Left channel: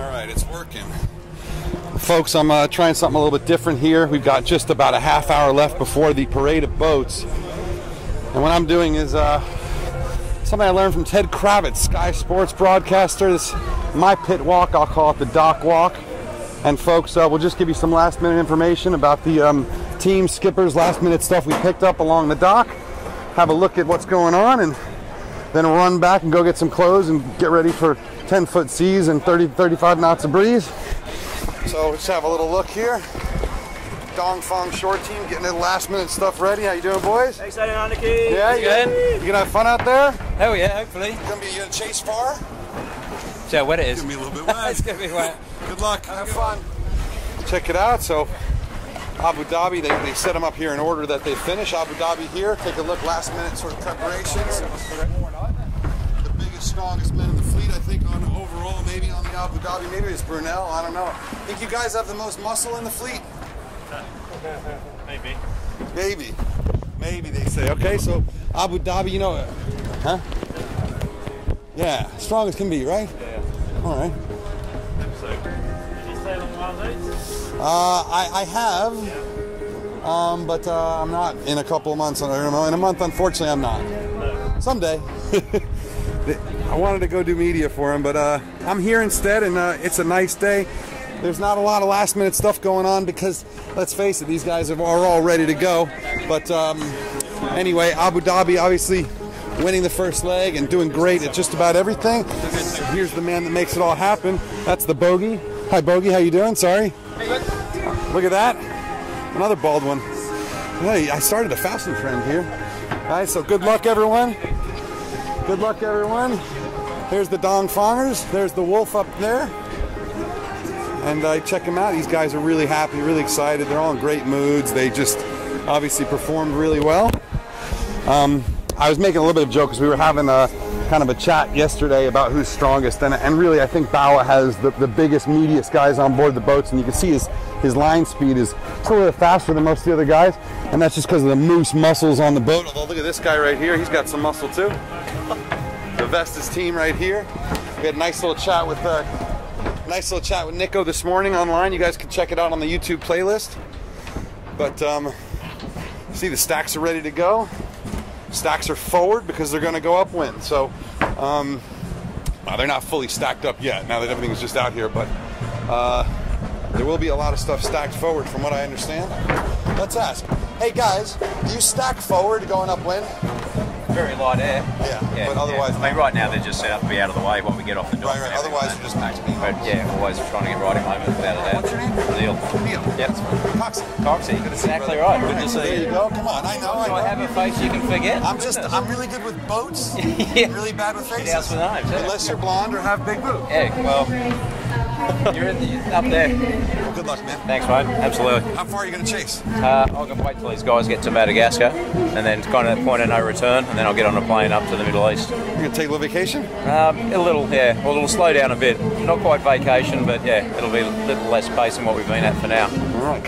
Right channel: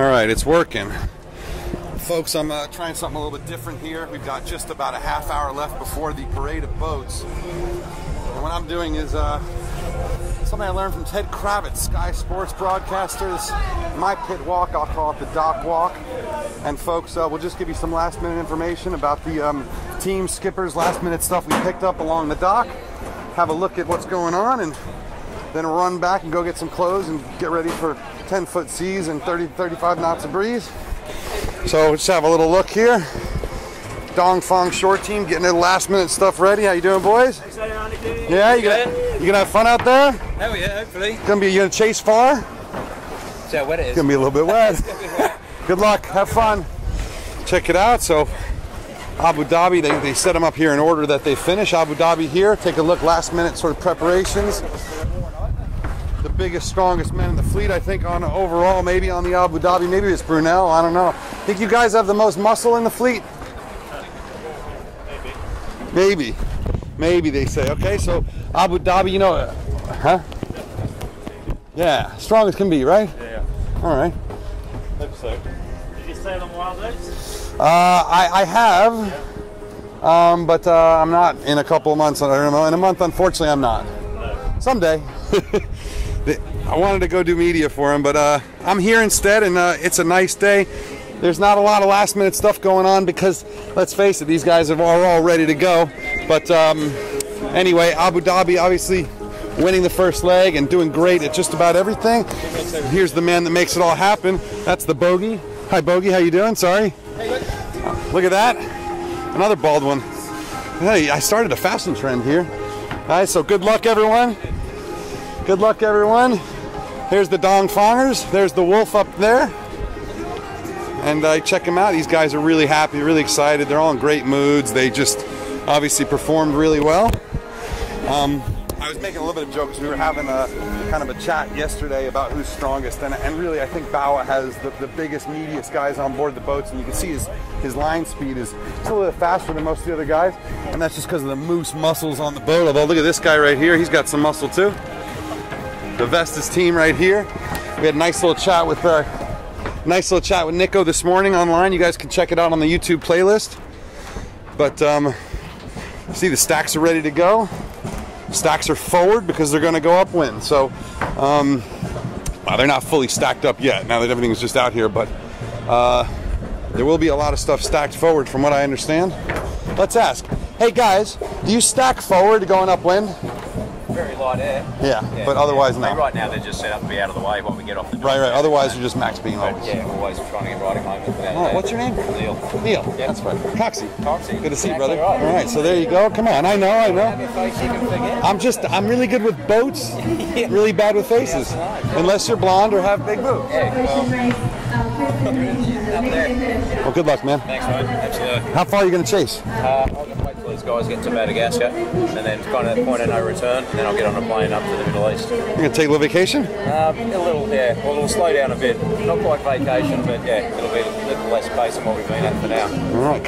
All right, it's working. Folks, I'm trying something a little bit different here. We've got just about a half hour left before the parade of boats. And what I'm doing is something I learned from Ted Kravitz, Sky Sports broadcaster. This my pit walk, I'll call it the dock walk. And folks, we'll just give you some last minute information about the team skippers, last minute stuff we picked up along the dock. Have a look at what's going on, and then we'll run back and go get some clothes and get ready for 10-foot seas and 30-35 knots of breeze. So just have a little look here. Dongfang short team getting their last minute stuff ready. How you doing, boys? Hey, Anarchy. Yeah, you gonna have fun out there? Hell yeah, hopefully. You gonna chase far? See how wet it is. It's gonna be a little bit wet. It's gonna be wet. Good luck. Have fun. Check it out. So Abu Dhabi, they set them up here in order that they finish. Abu Dhabi here. Take a look. Last minute sort of preparations. The biggest, strongest men in the fleet, I think, on overall, maybe on the Abu Dhabi. Maybe it's Brunel. I don't know. Think you guys have the most muscle in the fleet? Maybe. Maybe they say. Okay, so Abu Dhabi, you know, huh? Yeah, strong as can be, right? Yeah. All right. Did you sail on wild oats? I have, but I'm not in a couple of months. I don't know. In a month, unfortunately, I'm not. No. Someday. I wanted to go do media for him, but I'm here instead, and it's a nice day. There's not a lot of last minute stuff going on because, let's face it, these guys are all ready to go. But anyway, Abu Dhabi obviously winning the first leg and doing great at just about everything. Here's the man that makes it all happen. That's the Bogey. Hi, Bogey. How you doing? Sorry. Look at that. Another bald one. Hey, I started a fashion trend here. All right, so good luck, everyone. Good luck, everyone. Here's the Dongfangers. There's the Wolf up there. And check them out. These guys are really happy, really excited. They're all in great moods. They just obviously performed really well. I was making a little bit of jokes. We were having a kind of a chat yesterday about who's strongest, and really I think Bawa has the biggest, meatiest guys on board the boats, and you can see his line speed is clearly faster than most of the other guys, and that's just because of the moose muscles on the boat. Although look at this guy right here, he's got some muscle too. The Vestas team right here. We had a nice little chat with Nico this morning online. You guys can check it out on the YouTube playlist. But see, the stacks are ready to go. Stacks are forward because they're going to go upwind. So they're not fully stacked up yet now that everything's just out here, but there will be a lot of stuff stacked forward from what I understand. Let's ask. Hey guys, do you stack forward going upwind? Very light air. Yeah, but otherwise no. Right now they're just set up to be out of the way when we get off. Right. Otherwise you're just max beam. Yeah, otherwise we're trying to get right in moment. All right, what's your name? Neil. Yeah, that's right. Coxie. Good to see you, brother. All right, so there you go. Come on, I know. Do I have a face you can forget? I'm really good with boats, really bad with faces. Unless you're blonde or have big boobs. Yeah, well, you're up there. Well, good luck, man. Thanks, mate. Absolutely. How far are you going to chase? I'm going to wait till these guys get to Madagascar, and then kind of the point of no return, and then I'll get on a plane up to the Middle East. You're going to take a little vacation? We'll slow down a bit. Not quite vacation, but yeah, it'll be a little less pace than what we've been at for now.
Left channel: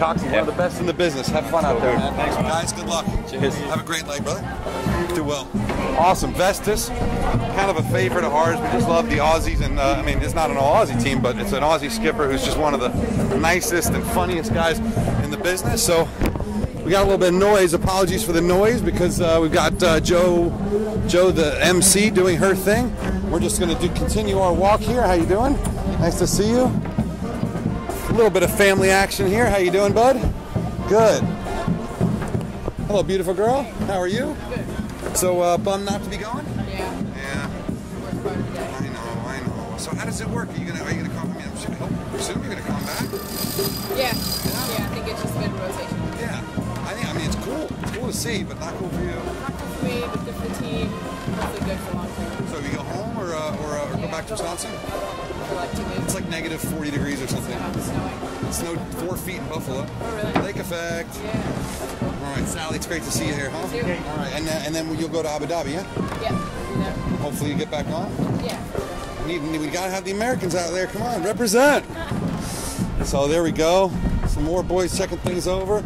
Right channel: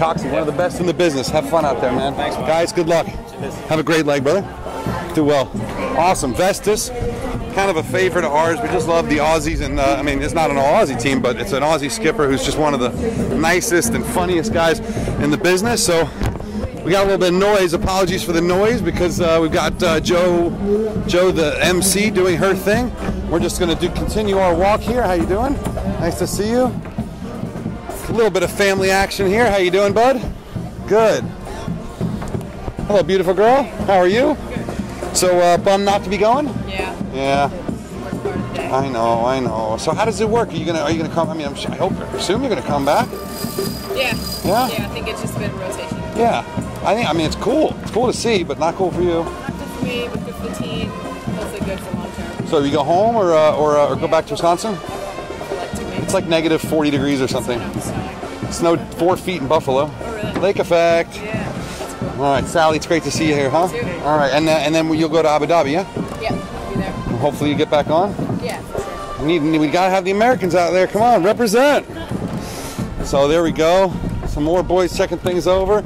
Have the best in the business. Have fun out there, man. Thanks, mate. Guys, good luck. Cheers. Have a great leg, brother. Do well. Awesome. Vestas, kind of a favorite of ours. We just love the Aussies, and I mean, it's not an Aussie team, but it's an Aussie skipper who's just one of the nicest and funniest guys in the business. So we got a little bit of noise. Apologies for the noise because we've got Joe, the MC, doing her thing. We're just going to continue our walk here. How you doing? Nice to see you. A little bit of family action here. How you doing, bud? Good. Hello, beautiful girl. How are you? So, bummed not to be going? Yeah. Yeah. I know. So, how does it work? Are you gonna come? I mean, I assume you're gonna come back. Yeah. Yeah. Yeah. I think it's just been rotation. Yeah. I mean, it's cool. It's cool to see, but not cool for you. Not good for me, but good for the team. Hopefully, good for long term. So, you go home or go back to Wisconsin? I'll go for like 2 weeks. It's like negative 40 degrees or something. It snowed 4 feet in Buffalo. Oh, really? Lake effect. Yeah. That's cool. All right, Sally, it's great to see you here, huh? You too. All right, and then you'll go to Abu Dhabi, yeah? Yeah. I'll be there. Hopefully you get back on. Yeah, for sure. We gotta have the Americans out there. Come on, represent. So there we go. Some more boys checking things over.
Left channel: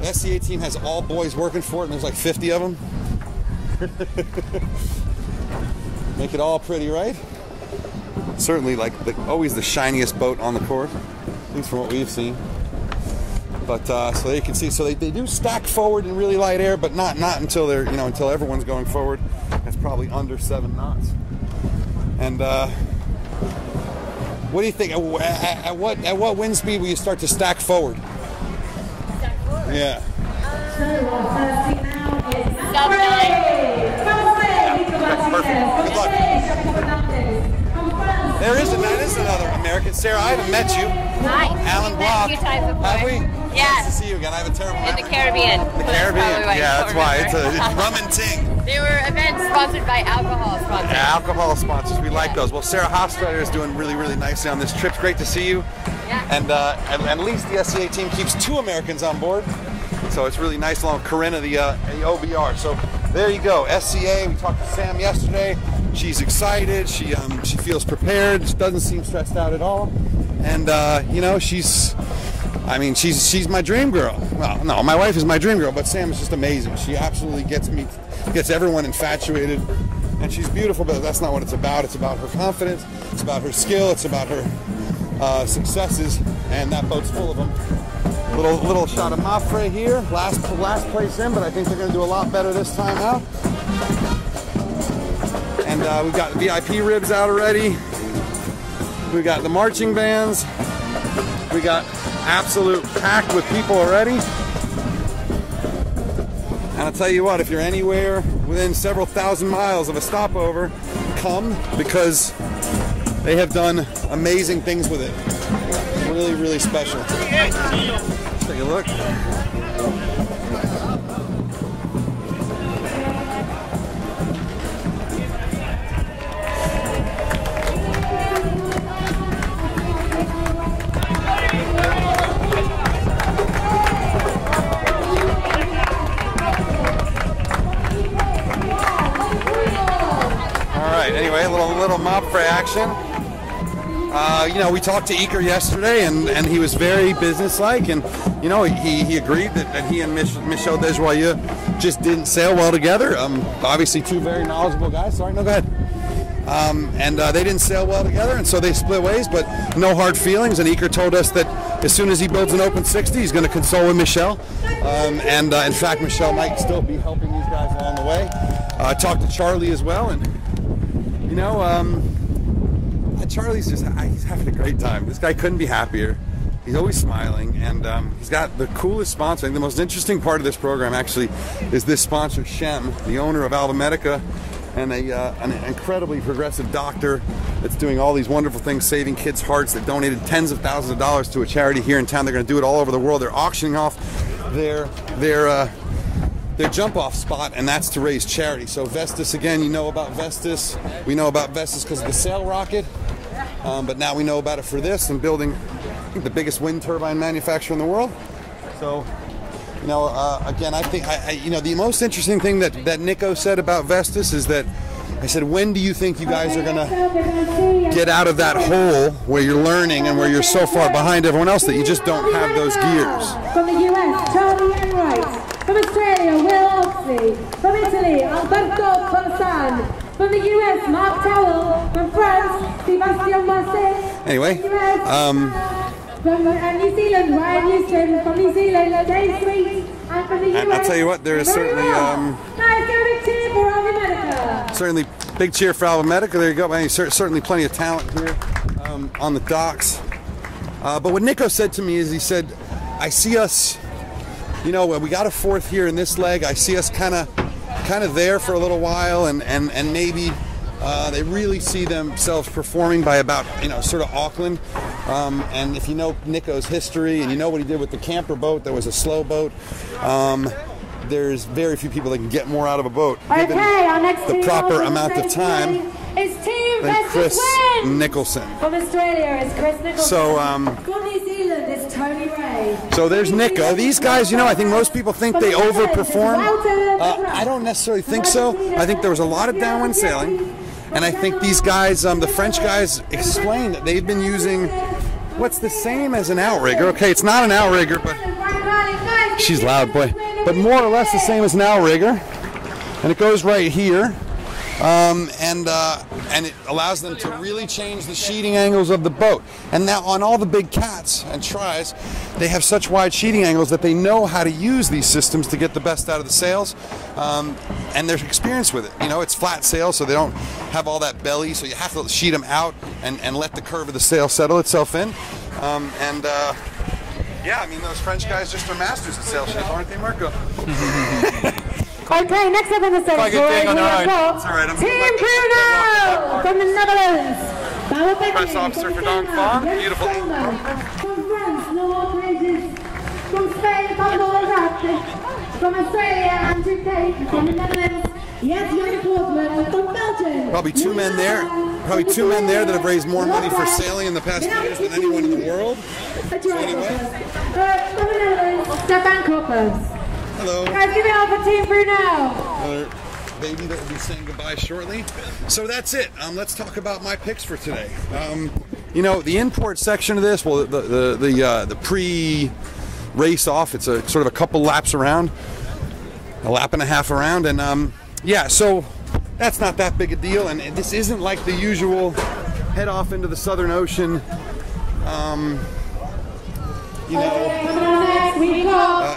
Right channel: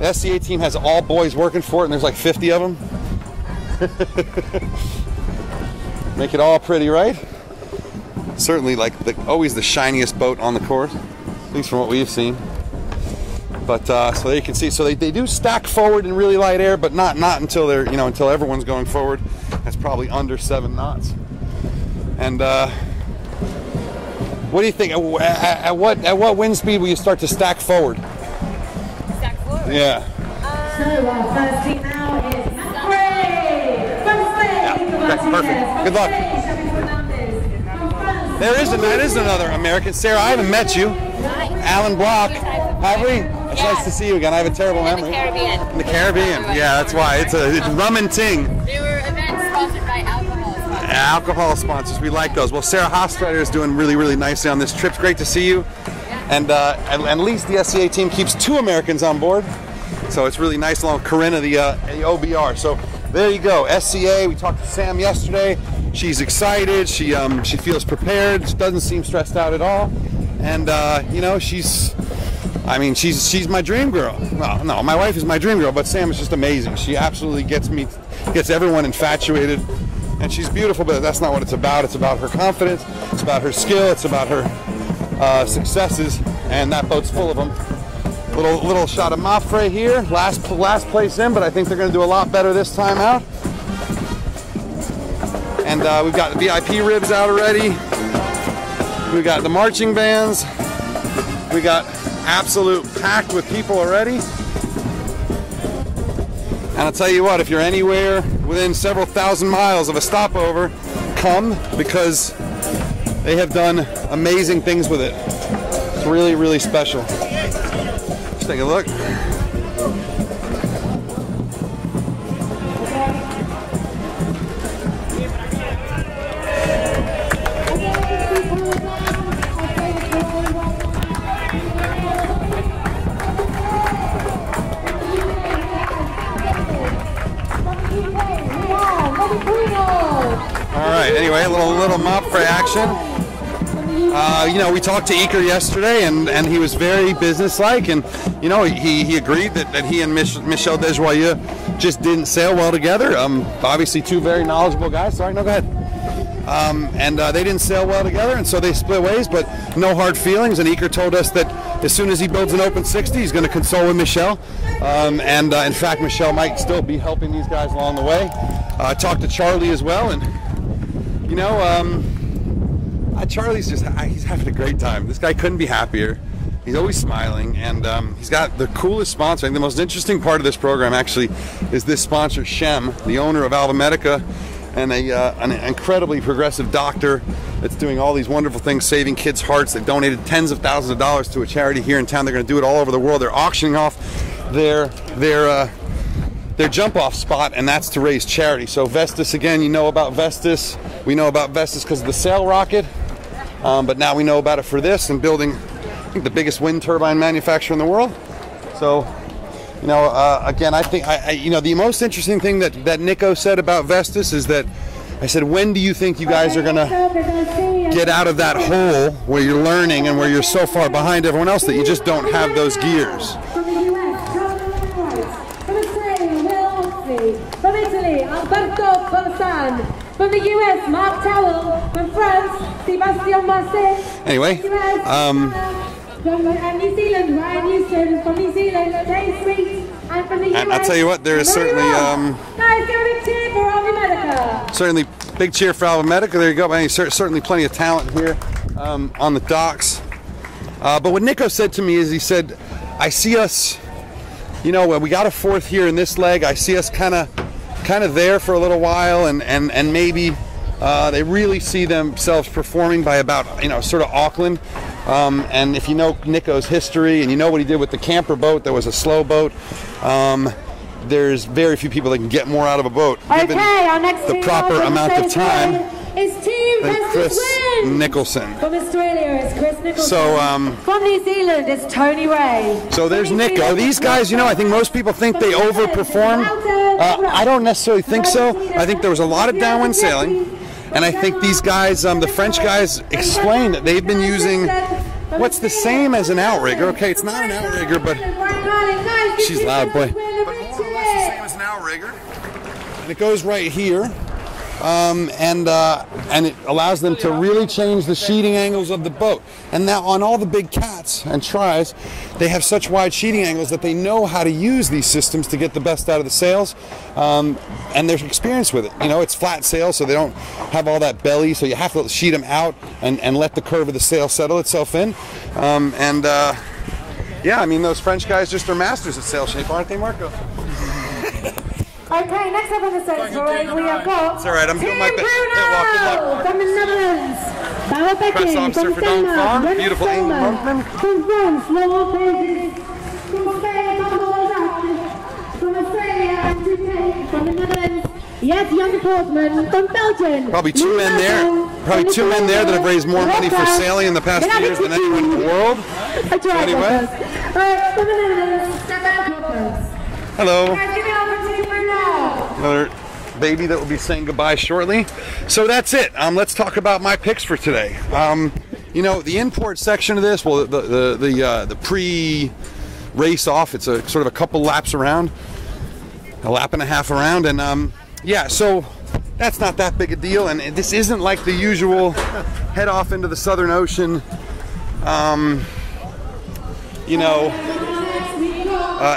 The SCA team has all boys working for it, and there's like 50 of them. Make it all pretty, right? certainly like always the shiniest boat on the course, at least from what we've seen. But so there you can see, so they do stack forward in really light air, but not until they're, you know, until everyone's going forward. That's probably under 7 knots. And what do you think? At what wind speed will you start to stack forward? Stack forward? Yeah. Sub 9. Good luck. There is another American. Sarah, I haven't met you. Hi. Alan Brock. A few times before. Have we? Yeah. Nice to see you again. I have a terrible In memory. the Caribbean. In the Caribbean. Yeah, that's right. It's rum and ting. They were events sponsored by alcohol sponsors. Yeah, alcohol sponsors. We like those. Well, Sarah Hofstadter is doing really, really nicely on this trip. Great to see you. Yeah. And at least the SCA team keeps 2 Americans on board. So it's really nice. Along Corinna, the OBR. So there you go. SCA. We talked to Sam yesterday. She's excited. She feels prepared. She doesn't seem stressed out at all. And you know, she's my dream girl. Well, no, my wife is my dream girl, but Sam is just amazing. She absolutely gets everyone infatuated. And she's beautiful, but that's not what it's about. It's about her confidence. It's about her skill. It's about her successes. And that boat's full of them. Little shot of Mafre here. Last place in, but I think they're going to do a lot better this time out. And we've got the VIP ribs out already. We've got the marching bands. We got absolute packed with people already. And I'll tell you what, if you're anywhere within several thousand miles of a stopover, come, because they have done amazing things with it. It's really, really special. Let's take a look. Yesterday, and he was very businesslike, and you know, he agreed that he and Michel Desjoyeux just didn't sail well together. Obviously 2 very knowledgeable guys. Sorry, no, go ahead. And they didn't sail well together, and so they split ways, but no hard feelings. And Iker told us that as soon as he builds an open 60, he's going to console with Michel. In fact, Michel might still be helping these guys along the way. I talked to Charlie as well, and you know, Charlie's he's having a great time. This guy couldn't be happier. He's always smiling, and he's got the coolest sponsor. And the most interesting part of this program actually is this sponsor, Shem, the owner of Alva Medica, and an incredibly progressive doctor that's doing all these wonderful things, saving kids' hearts. They've donated tens of thousands of dollars to a charity here in town. They're going to do it all over the world. They're auctioning off their jump-off spot, and that's to raise charity. So Vestas, again, you know about Vestas. We know about Vestas because of the sail rocket. But now we know about it for this, and building, I think, the biggest wind turbine manufacturer in the world. So, you know, again, I think, you know, the most interesting thing that Nico said about Vestas is that, I said, when do you think you guys are going to get out of that hole where you're learning and where you're so far behind everyone else that you just don't have those gears? From the US, Charlie Enright. From Australia, Will Oxley. From Italy, Alberto Colsan. From the US, Mark Towell. From France, Sebastian Marseille. Anyway, from New Zealand, Ryan Houston. From New Zealand, Dave Sweet. And from the US, and I'll tell you what, there is certainly guys, get a big cheer for Alva Medica. Certainly, big cheer for Alva Medica. There you go. Man, certainly plenty of talent here on the docks. But what Nico said to me is, he said, I see us, you know, we got a 4th here in this leg. I see us kind of there for a little while, and maybe they really see themselves performing by about, you know, sort of Auckland. And if you know Nico's history and you know what he did with the camper boat, that was a slow boat. There's very few people that can get more out of a boat given our next the proper amount of time than Chris Nicholson. From Australia, it's Chris Nicholson. So, from New Zealand, it's Tony Ray. So there's Nico. These guys, you know, I think most people think they overperform. I don't necessarily think so. I think there was a lot of downwind sailing, and I think these guys, the French guys, explained that they've been using what's the same as an outrigger. Okay, it's not an outrigger, but she's loud, boy. But more or less the same as an outrigger, and it goes right here. and it allows them to really change the sheeting angles of the boat. And now on all the big cats and tries, they have such wide sheeting angles that they know how to use these systems to get the best out of the sails, and they're experienced with it. You know, it's flat sails, so they don't have all that belly, so you have to sheet them out and let the curve of the sail settle itself in. Yeah, I mean, those French guys just are masters at sail shape, aren't they, Marco? Okay, next up in the section. Quite a good thing on their own. It's all right, I'm doing my best. From the Netherlands, Bauer Becking from Denmark, Ren Stolman from France, Laurel Pages from Spain, from Australia, Andrew Tate from the Netherlands, yes, Jan Portman from Belgium. Probably two men there. Probably two men there that have raised more money for sailing in the past 2 years than anyone in the world. So anyway. From the Netherlands, Stefan Koppers. Hello. Guys, give it up for Team Brunel. Another baby that will be saying goodbye shortly. So that's it. Let's talk about my picks for today. You know, the import section of this, well, the pre-race off, it's a sort of a couple laps around, a lap and a half around, and yeah, so that's not that big a deal, and this isn't like the usual head off into the Southern Ocean, you know,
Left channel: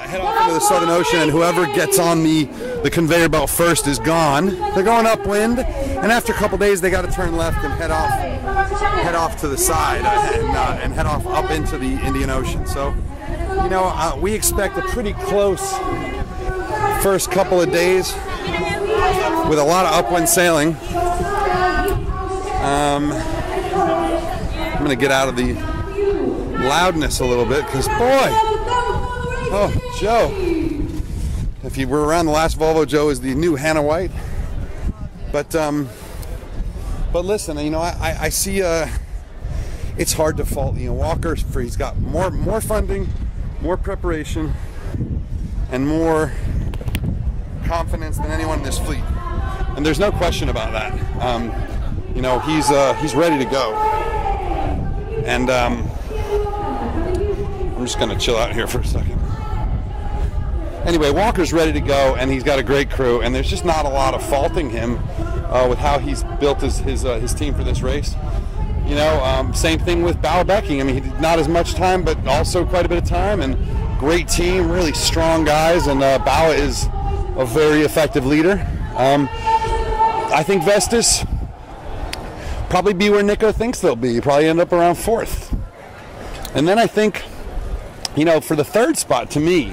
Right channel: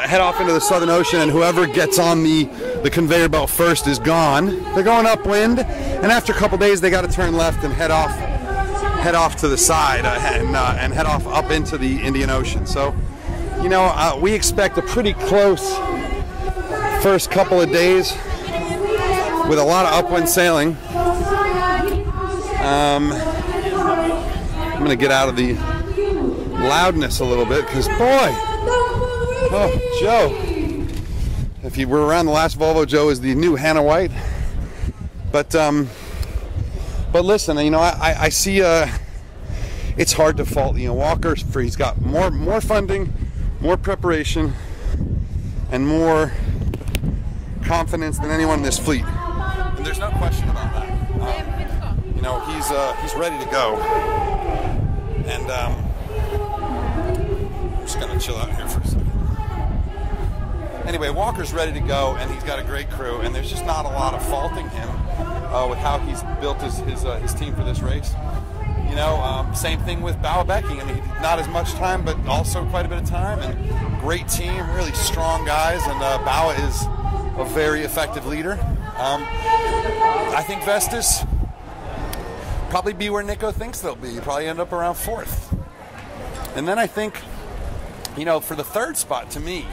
head off into the Southern Ocean, and whoever gets on the conveyor belt first is gone. They're going upwind, and after a couple days they got to turn left and head off to the side and head off up into the Indian Ocean. So, you know, we expect a pretty close first couple of days with a lot of upwind sailing. I'm gonna get out of the loudness a little bit because, boy, oh, Joe, if you were around the last Volvo, Joe is the new Hannah White. But listen, you know, I see it's hard to fault, you know, Walker, for he's got more funding, more preparation, and more confidence than anyone in this fleet, and there's no question about that. You know, he's ready to go, and I'm just gonna chill out here for a second. Anyway, Walker's ready to go, and he's got a great crew, and there's just not a lot of faulting him with how he's built his team for this race. You know, same thing with Bauer Becking. I mean, he did not as much time, but also quite a bit of time, and great team, really strong guys, and Bauer is a very effective leader. I think Vestas probably be where Nico thinks they'll be. Probably end up around 4th. And then I think, you know, for the 3rd spot, to me,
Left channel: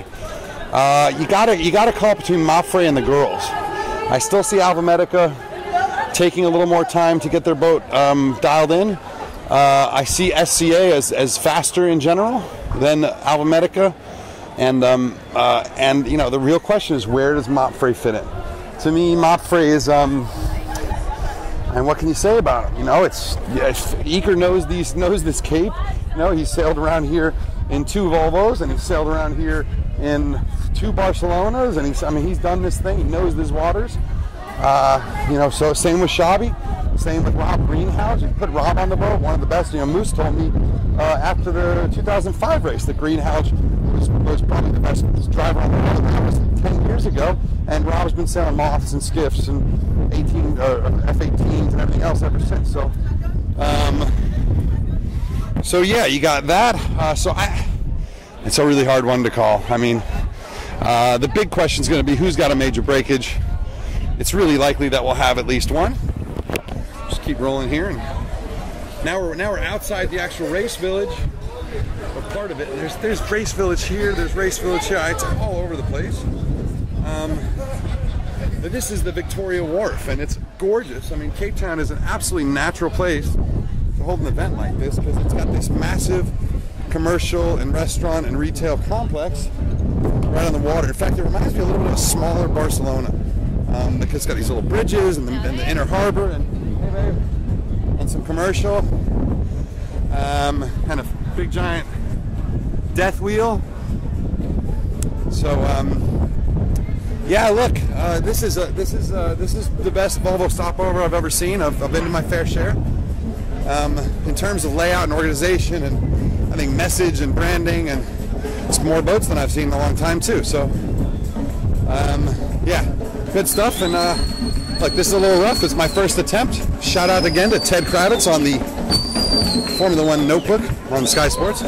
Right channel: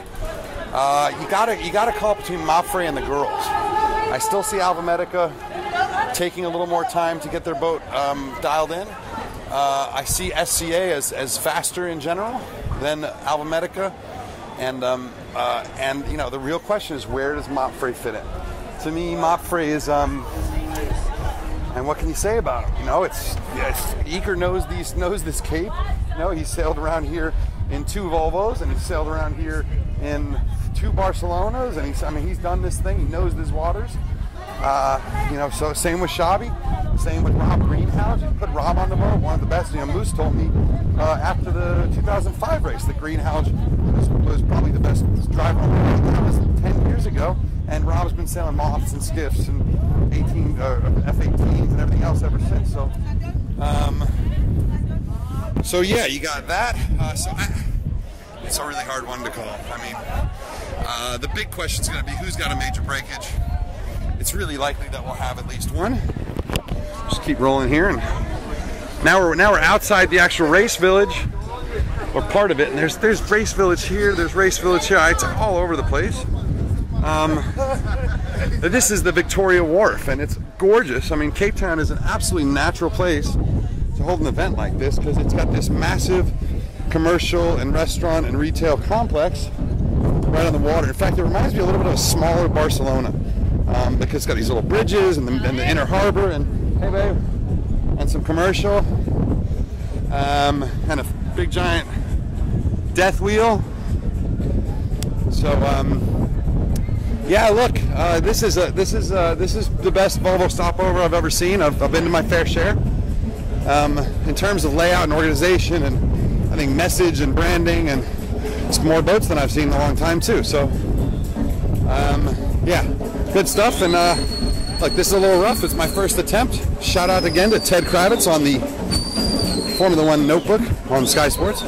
you gotta call it between Mapfre and the girls. I still see Alva Medica taking a little more time to get their boat dialed in. I see SCA as faster in general than Alva Medica, and you know, the real question is, where does Mapfre fit in? To me, Mapfre is and what can you say about him? You know, Eker knows this Cape. You know, he's sailed around here in 2 Volvos, and he's sailed around here in 2 Barcelonas, and he's done this thing. He knows these waters. You know, so same with Shabby, same with Rob Greenhouse. You put Rob on the boat, one of the best. You know, Moose told me after the 2005 race that Greenhouse was probably the best driver on the boat. That was 10 years ago, and Rob's been sailing lofts and skiffs and F-18s and everything else ever since. So yeah, you got that. It's a really hard one to call. I mean, the big question is going to be who's got a major breakage. It's really likely that we'll have at least one. Just keep rolling here, and now we're outside the actual race village, or part of it. And there's race village here, there's race village here. It's all over the place. This is the Victoria Wharf, and it's gorgeous. I mean, Cape Town is an absolutely natural place to hold an event like this because it's got this massive commercial and restaurant and retail complex right on the water. In fact, it reminds me a little bit of a smaller Barcelona because it's got these little bridges and the inner harbor, and hey babe, and some commercial and a big giant death wheel. So yeah, look, this is the best Volvo stopover I've ever seen. I've been to my fair share. In terms of layout and organization, and I think message and branding, and it's more boats than I've seen in a long time too. So yeah, good stuff, and Look, this is a little rough. It's my first attempt. Shout out again to Ted Kravitz on the Formula One notebook on Sky Sports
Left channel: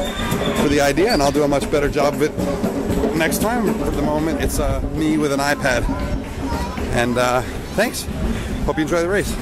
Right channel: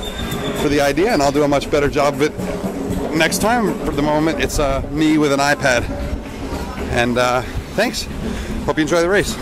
for the idea, and I'll do a much better job of it next time. For the moment, it's me with an iPad. And thanks. Hope you enjoy the race.